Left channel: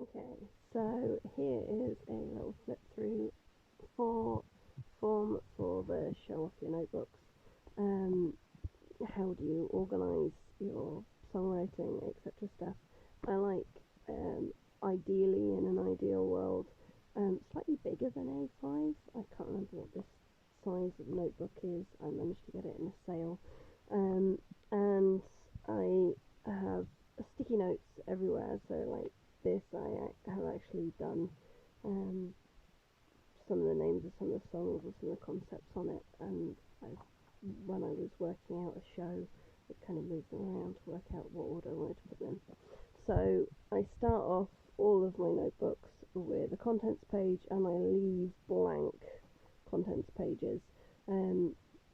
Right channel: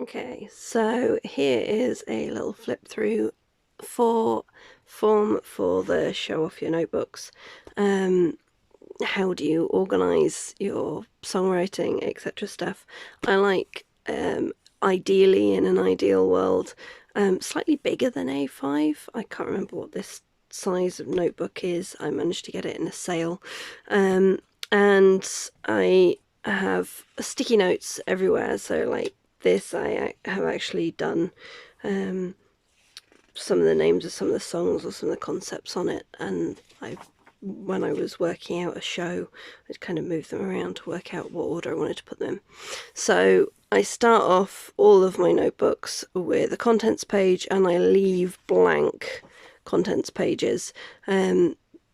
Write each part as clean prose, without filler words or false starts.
Okay, so here is a little flip through for FAWM for the show off your notebooks. How do you organise your songwriting, etc. stuff? I like, ideally in an ideal world, slightly bigger than A5. I can't remember what this size of notebook is. I managed to get it in a sale. And I have sticky notes everywhere, so like this I have actually done some of the names of some of the songs or some of the concepts on it, and when I was working out a show, I'd kind of move them around to work out what order I wanted to put them. So I start off all of my notebooks with a contents page, and I leave blank contents pages.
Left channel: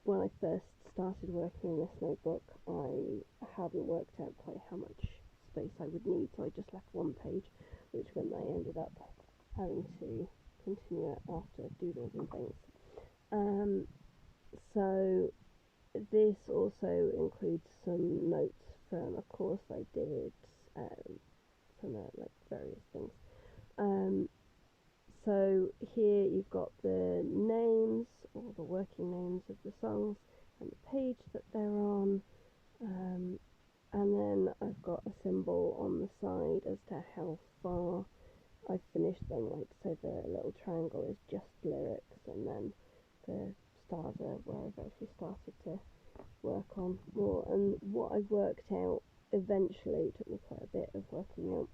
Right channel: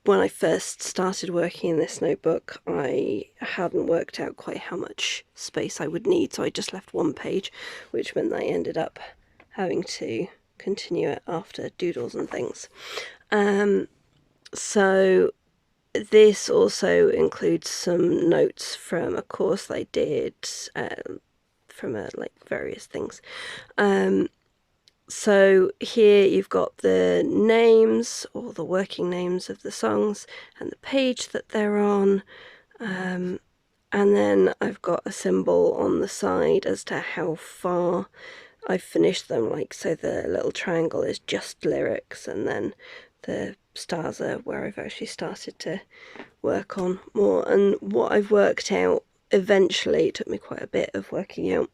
When I first started working in this notebook, I hadn't worked out quite how much space I would need, so I just left one page, which meant that I ended up having to continue it after doodles and things. So this also includes some notes from a course I did, from like various things. So here you've got the names or the working names of the songs and the page that they're on. And then I've got a symbol on the side as to how far I've finished them. Like, so the little triangle is just lyrics, and then the stars are where I've actually started to work on more. And what I've worked out eventually, it took me quite a bit of working out,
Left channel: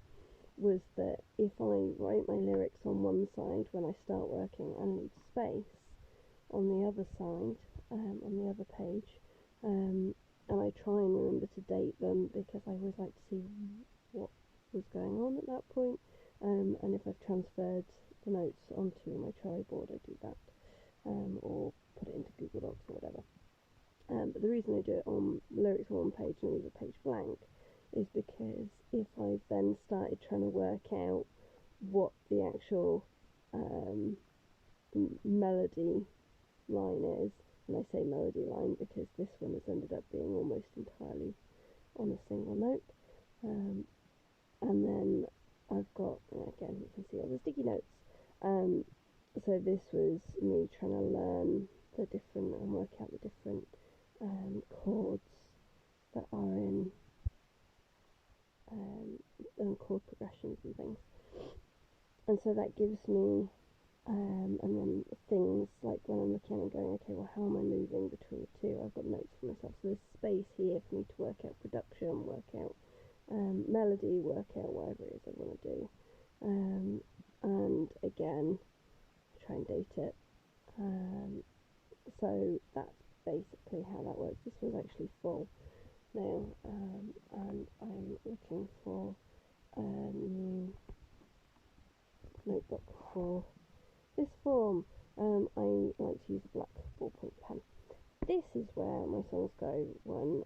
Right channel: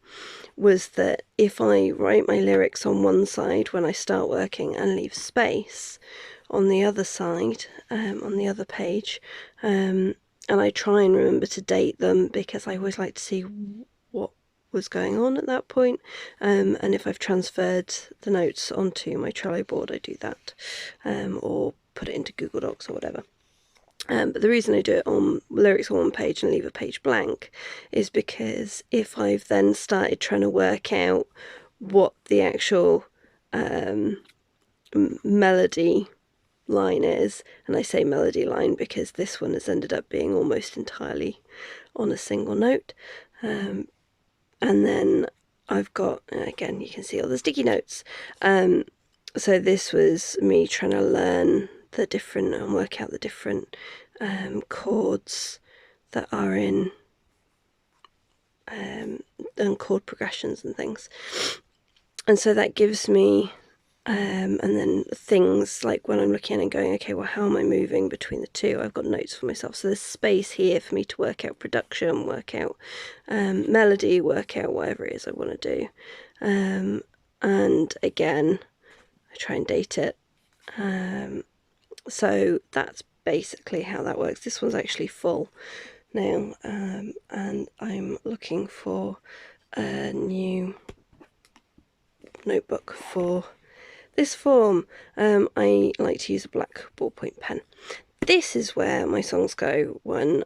was that if I write my lyrics on one side when I start working and leave space on the other side, on the other page, and I try and remember to date them, because I always like to see what was going on at that point, and if I've transferred the notes onto my Trello board, I do that, or put it into Google Docs or whatever. But the reason I do it on lyrics on one page and leave a page blank is because if I've then started trying to work out what the actual melody line is, and I say melody line because this one has ended up being almost entirely on a single note, and then I've got, again, you can see all the sticky notes. So this was me trying to learn the different and work out the different chords that are in, and chord progressions and things. And so that gives me, and then things like when I'm looking at it and going, okay, well, how am I moving between the two? I've got notes for myself. So there's space here for me to work out production, work out melody, work out whatever it is I want to do. And again, I try and date it. So that's basically how that works. This one's actually full now, and I'm looking for a new notebook for this form. I like to use a black ballpoint pen. This is where my songs go when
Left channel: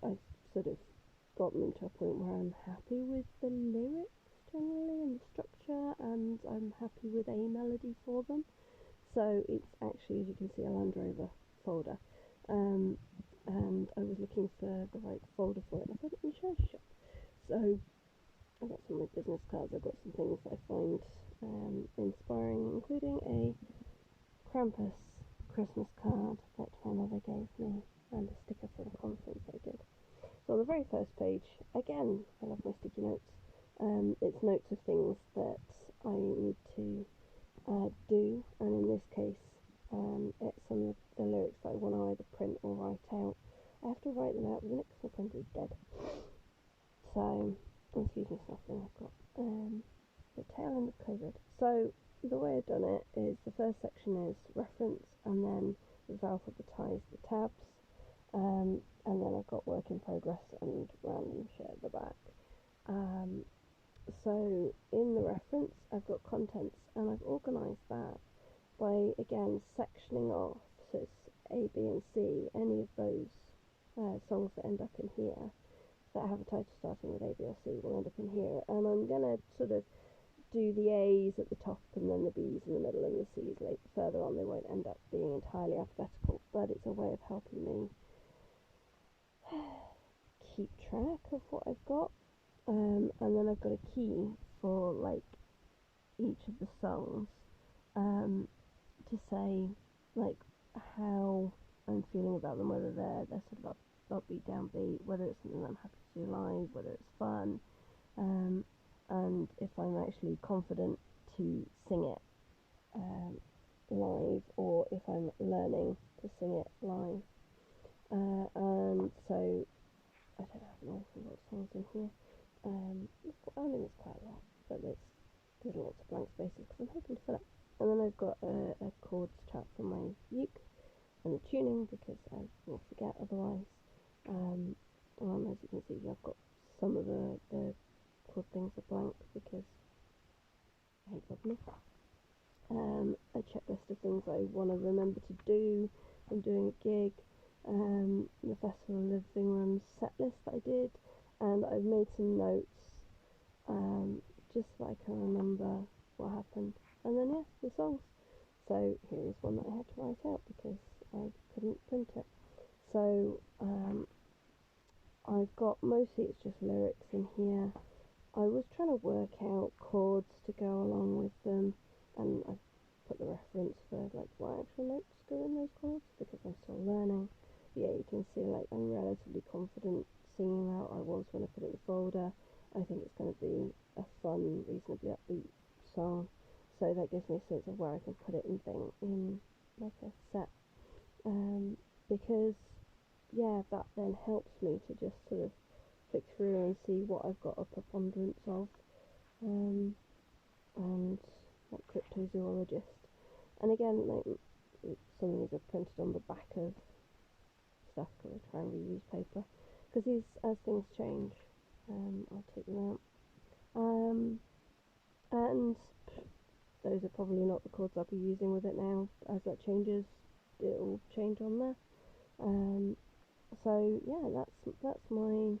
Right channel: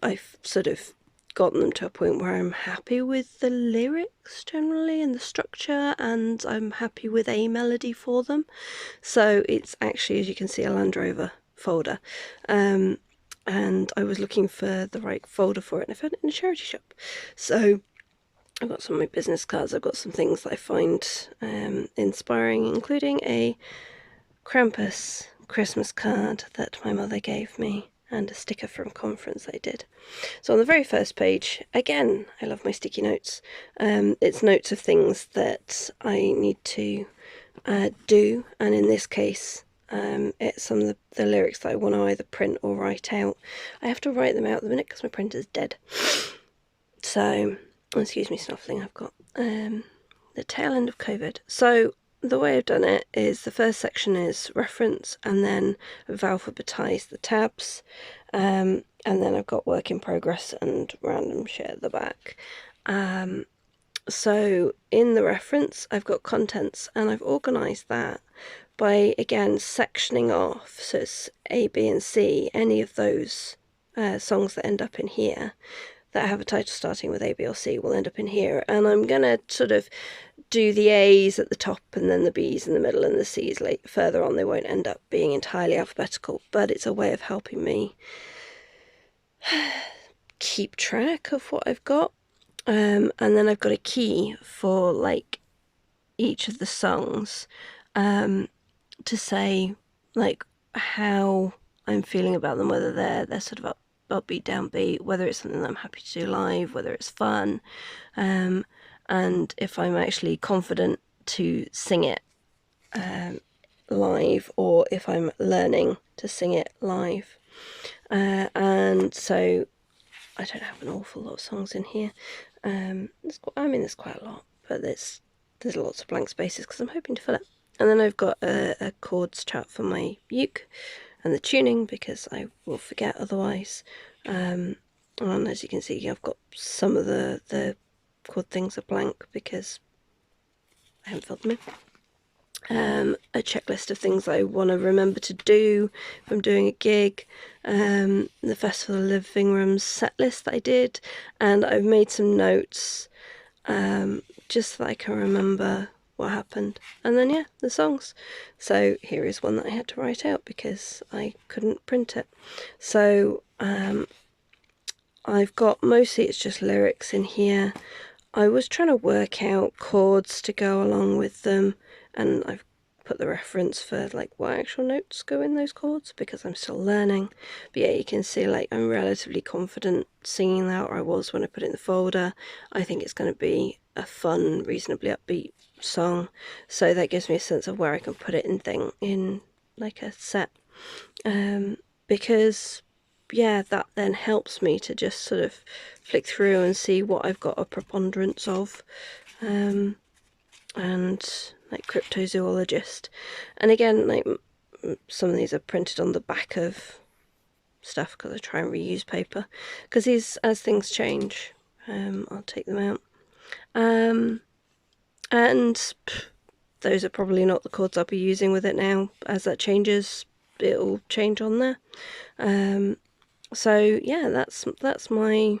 I've sort of gotten them to a point where I'm happy with the lyrics generally and the structure, and I'm happy with a melody for them. So it's actually, as you can see, a Land Rover folder, and I was looking for the right folder for it, and I found it in a charity shop. So I've got some of my business cards, I've got some things that I find inspiring, including a Krampus Christmas card that my mother gave me, and a sticker from a conference I did. So on the very first page, again, I love my sticky notes. It's notes of things that I need to do, and in this case, it's some of the lyrics that I want to either print or write out. I have to write them out at the minute because my printer's dead. So, excuse me snuffling, I've got the tail end of COVID. So the way I've done it is the first section is reference, and then I've alphabetized the tabs, and then I've got work in progress and random shit at the back. So in the reference, I've got contents, and I've organised that by, again, sectioning off. So it's A, B, and C. Any of those songs that end up in here that have a title starting with A, B, or C will end up in here. And I'm going to sort of do the A's at the top and then the B's in the middle and the C's further on. They won't end up being entirely alphabetical, but it's a way of helping me keep track of what I've got. And then I've got a key for like each of the songs to say like how I'm feeling about them, whether they're sort of upbeat, downbeat, whether it's something that I'm happy to do live, whether it's fun, and if I'm actually confident to sing it live, or if I'm learning to sing it live. And so I don't have an awful lot of songs in here. There's quite a lot, but there's lots of blank spaces because I'm hoping to fill it. And then I've got a chords chart for my uke and the tuning, because I will forget otherwise. And as you can see, I've got some of the chord things are blank because I haven't filled them in. A checklist of things I want to remember to do if I'm doing a gig, the Festival of Living Rooms set list that I did, and I've made some notes just so that I can remember what happened. And then, yeah, the songs. So here is one that I had to write out because I couldn't print it. So I've got, mostly it's just lyrics in here. I was trying to work out chords to go along with them, and I've put the reference for like what actual notes go in those chords because I'm still learning. But yeah, you can see like I'm relatively confident singing that, or I was when I put it in the folder. I think it's going to be a fun, reasonably upbeat song, so that gives me a sense of where I can put it in like a set, because yeah, that then helps me to just sort of flick through and see what I've got a preponderance of, and like cryptozoologist. And again, like some of these are printed on the back of stuff because I try and reuse paper, because these, as things change, I'll take them out. And those are probably not the chords I'll be using with it now. As that changes, it'll change on there. So yeah, that's my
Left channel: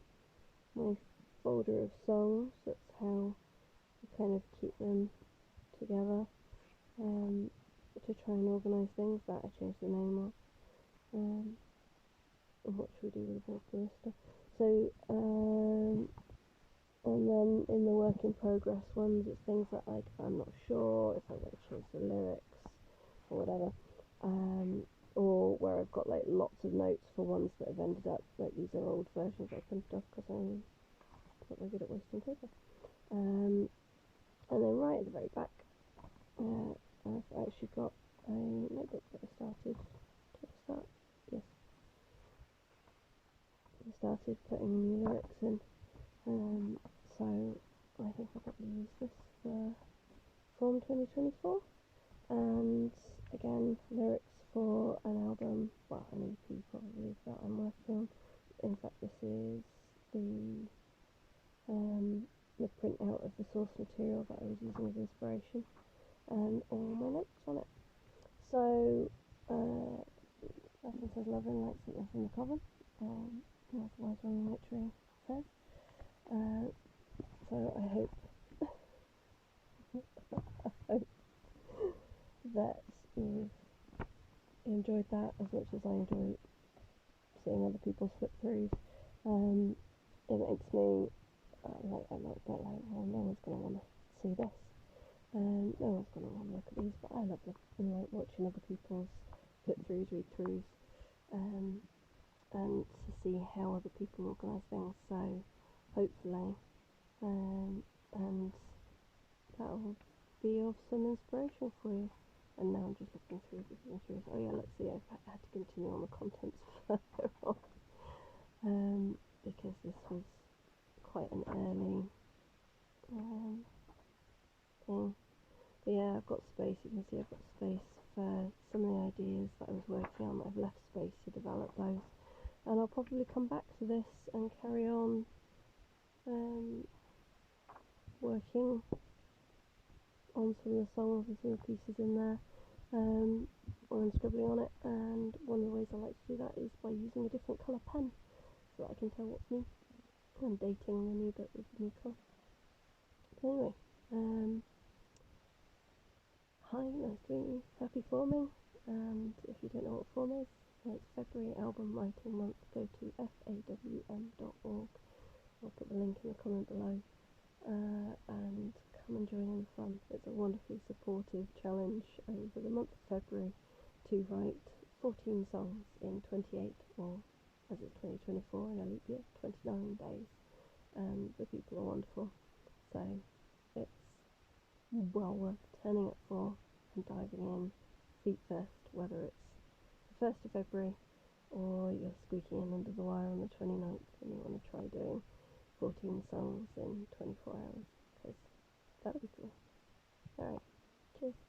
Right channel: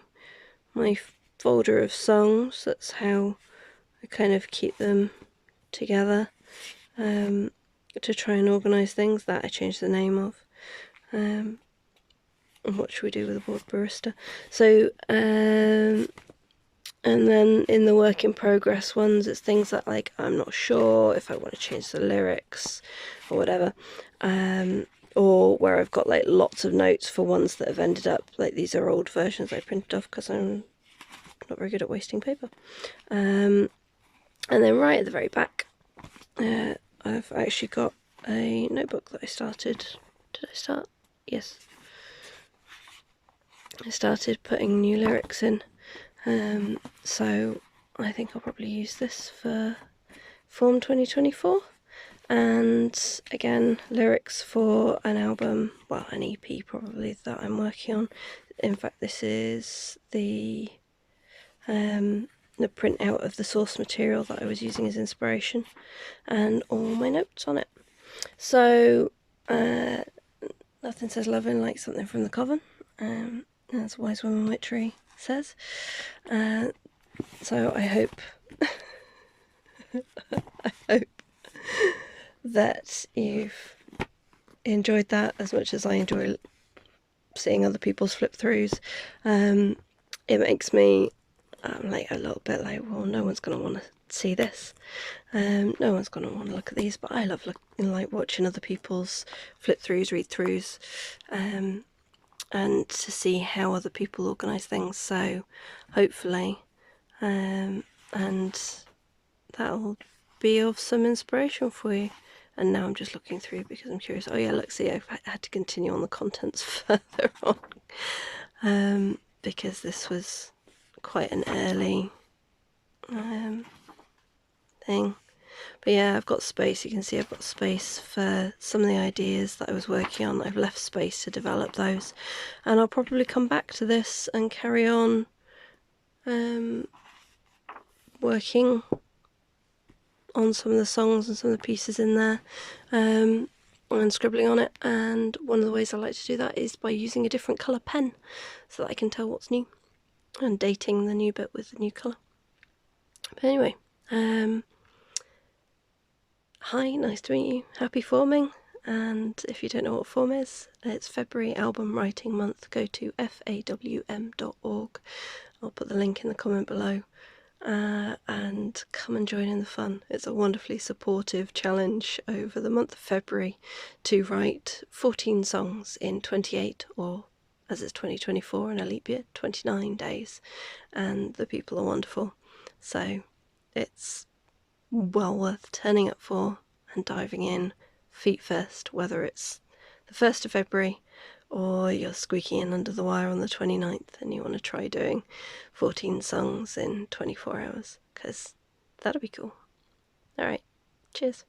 folder of songs. That's how I kind of keep them together, to try and organise things that I changed the name of. And what should we do with the board barista? So and then in the work in progress ones, it's things that like I'm not sure if I want to change the lyrics or whatever, or where I've got like lots of notes for ones that have ended up like, these are old versions I printed off because I'm not very good at wasting paper. And then right at the very back, I've actually got a notebook that I started. Did I start? Yes. I started putting new lyrics in. So I think I'll probably use this for FAWM 2024. And again, lyrics for an album, well, an EP probably, that I'm working on. In fact, this is the printout of the source material that I was using as inspiration, and all my notes on it. So nothing says loving like something from the coven, as Wise Woman Witchery says. So I hope that you've enjoyed that as much as I enjoy seeing other people's flip throughs. It makes me like a little bit like, well, no one's going to want to see this. No one's going to want to look at these, but I love watching other people's flip throughs, read throughs, and to see how other people organise things. So hopefully, and that'll be of some inspiration for you. And now I'm just looking through because I'm curious. Oh yeah, look, see, I've had to continue on the contents further on, because this was quite an early thing. But yeah, I've got space. You can see I've got space for some of the ideas that I was working on. I've left space to develop those, and I'll probably come back to this and carry on working on some of the songs and some of the pieces in there, and scribbling on it. And one of the ways I like to do that is by using a different colour pen so that I can tell what's new, and dating the new bit with the new colour. But anyway, hi, nice to meet you. Happy FAWMing. And if you don't know what FAWM is, it's February Album Writing Month. Go to FAWM.org I'll put the link in the comment below. And come and join in the fun. It's a wonderfully supportive challenge over the month of February to write 14 songs in 28, or as it's 2024 in a leap year, 29 days, and the people are wonderful, so it's well worth turning up for and diving in feet first, whether it's the 1st of February or you're squeaking in under the wire on the 29th and you want to try doing 14 songs in 24 hours, because that'll be cool. Alright, cheers.